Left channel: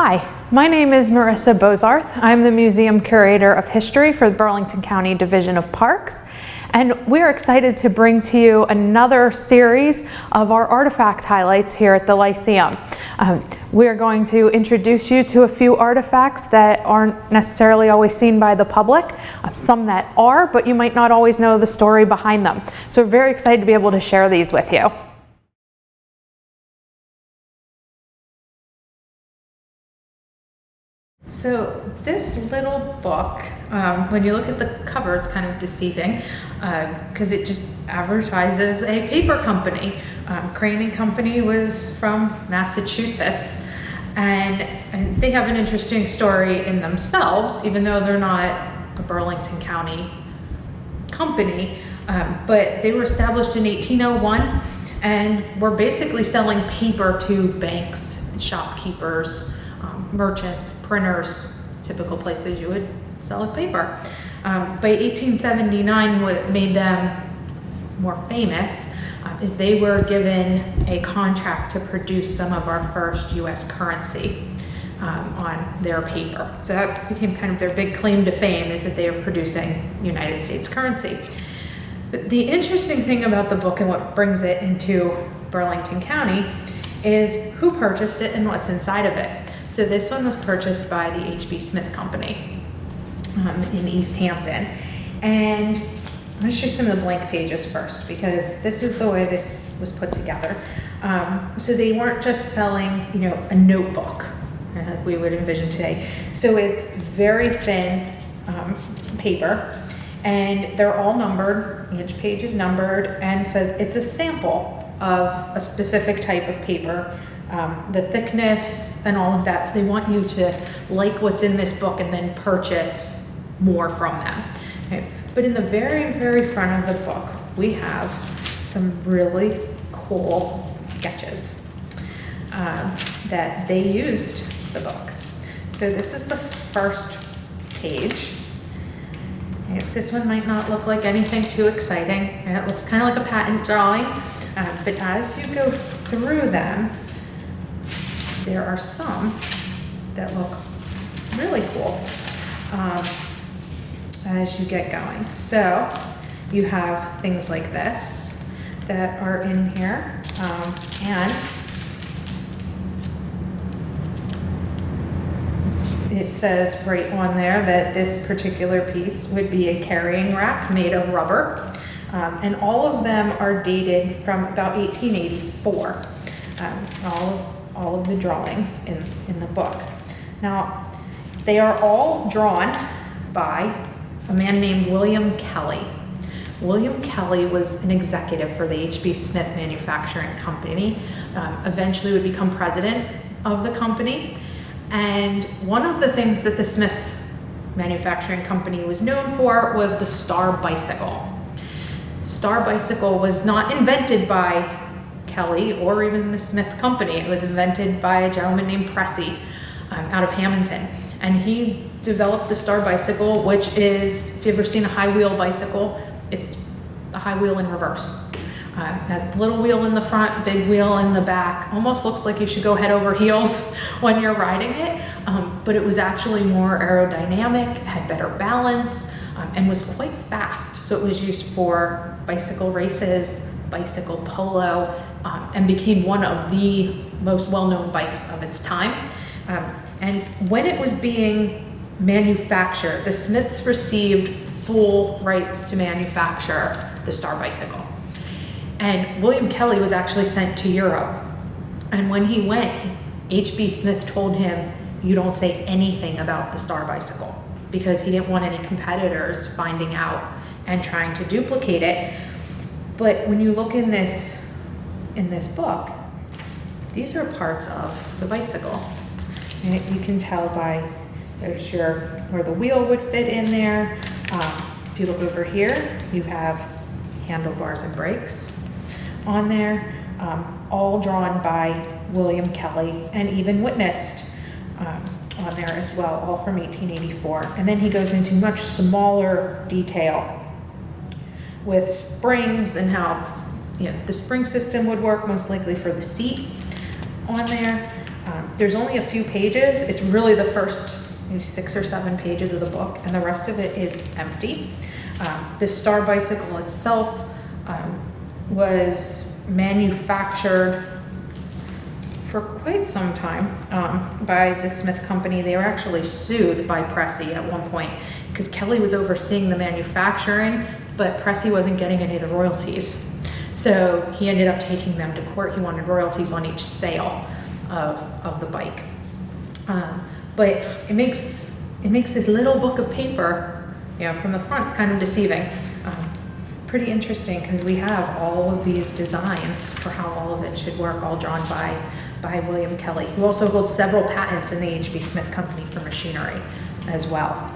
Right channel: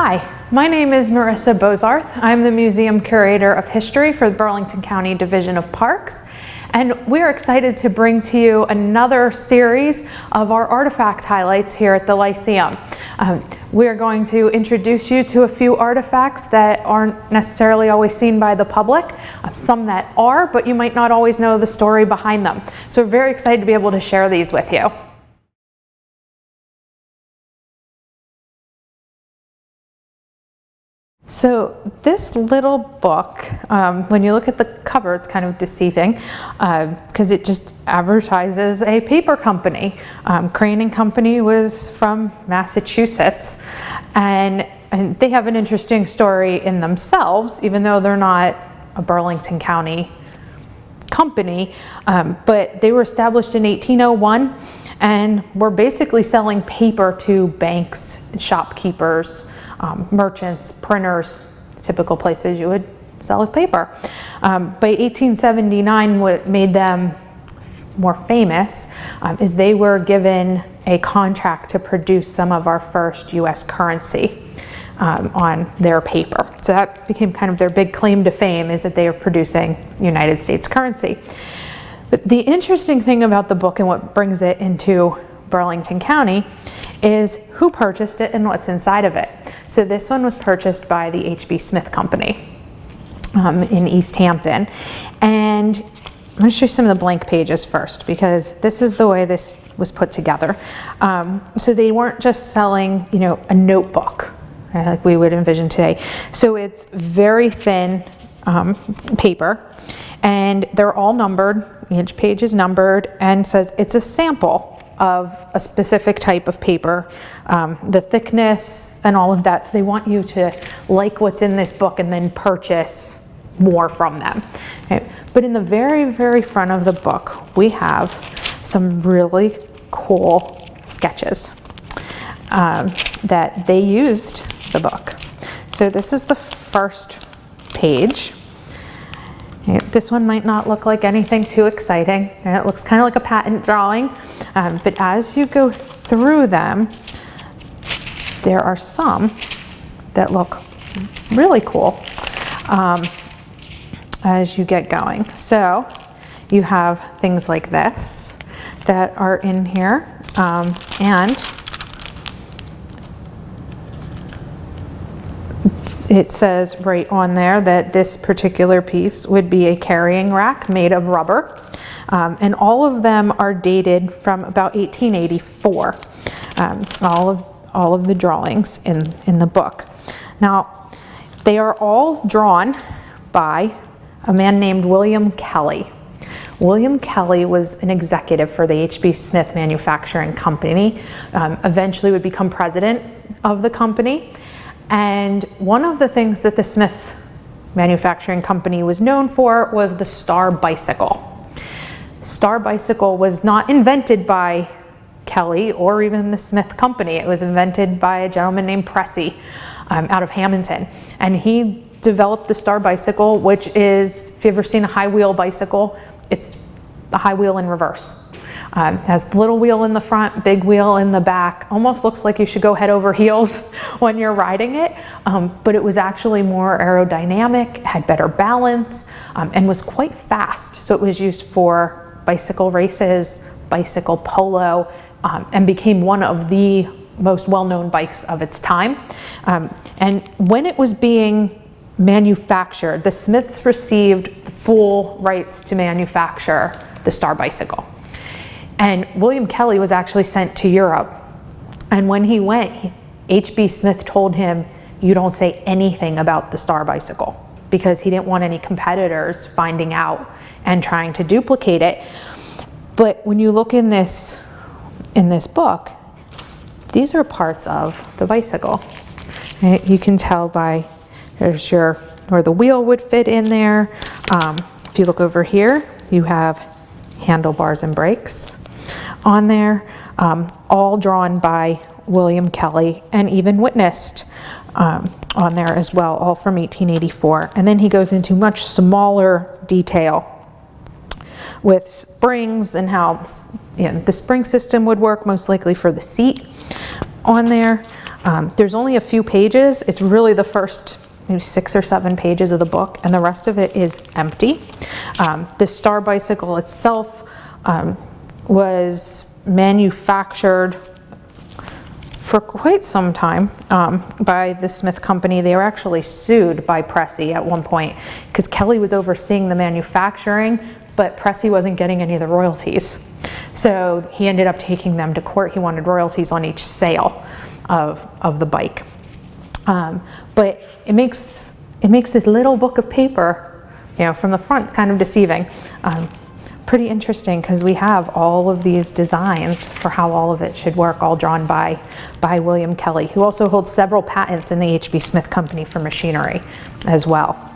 Hi, my name is Marisa Bozarth. I'm the Museum Curator of History for the Burlington County Division of Parks, and we're excited to bring to you another series of our artifact highlights here at the Lyceum. We're going to introduce you to a few artifacts that aren't necessarily always seen by the public, some that are, but you might not always know the story behind them. So we're very excited to be able to share these with you. So this little book, when you look at the cover, it's kind of deceiving because it just advertises a paper company. Crane & Company was from Massachusetts, and they have an interesting story in themselves, even though they're not a Burlington County company, but they were established in 1801 and were basically selling paper to banks, shopkeepers, merchants, printers, typical places you would sell paper. By 1879, what made them more famous is they were given a contract to produce some of our first US currency on their paper. So that became kind of their big claim to fame, is that they were producing United States currency. But the interesting thing about the book and what brings it into Burlington County is who purchased it and what's inside of it. So this one was purchased by the H.B. Smith Company in East Hampton. And I'm going to show you some of the blank pages first, because this is the way this was put together. So they weren't just selling, a notebook, right, like we would envision today. So it's very thin paper, and they're all numbered. Each page is numbered and says it's a sample of a specific type of paper, the thickness and all of that. So they want you to like what's in this book and then purchase more from them. Okay. But in the very, very front of the book, we have some really cool sketches that they used the book. So this is the first page. This one might not look like anything too exciting. It looks kind of like a patent drawing, but as you go through them, there are some that look really cool as you get going. So you have things like this that are in here, and it says right on there that this particular piece would be a carrying rack made of rubber. And all of them are dated from about 1884. All of the drawings in the book. Now, they are all drawn by a man named William Kelly. William Kelly was an executive for the H.B. Smith Manufacturing Company, eventually would become president of the company. And one of the things that the Smith Manufacturing Company was known for was the Star bicycle. Star bicycle was not invented by Kelly or even the Smith Company. It was invented by a gentleman named Pressey out of Hamilton. And he developed the Star bicycle, which is, if you've ever seen a high wheel bicycle, it's a high wheel in reverse. It has the little wheel in the front, big wheel in the back. Almost looks like you should go head over heels when you're riding it, but it was actually more aerodynamic, had better balance, and was quite fast. So it was used for bicycle races, bicycle polo, and became one of the most well-known bikes of its time. And when it was being manufactured, the Smiths received full rights to manufacture the Star bicycle. And William Kelly was actually sent to Europe. And when he went, H.B. Smith told him, you don't say anything about the Star bicycle, because he didn't want any competitors finding out and trying to duplicate it. But when you look in this book, these are parts of the bicycle. And you can tell by, there's where the wheel would fit in there. If you look over here, you have handlebars and brakes on there, all drawn by William Kelly and even witnessed on there as well, all from 1884. And then he goes into much smaller detail with springs and how the spring system would work, most likely for the seat on there. There's only a few pages. It's really the first maybe 6 or 7 pages of the book, and the rest of it is empty. The Star bicycle itself was manufactured for quite some time by the Smith Company. They were actually sued by Pressey at one point because Kelly was overseeing the manufacturing, but Pressey wasn't getting any of the royalties. So he ended up taking them to court. He wanted royalties on each sale of the bike. But it makes this little book of paper, from the front, kind of deceiving. Pretty interesting because we have all of these designs for how all of it should work, all drawn by William Kelly, who also holds several patents in the H.B. Smith Company for machinery as well.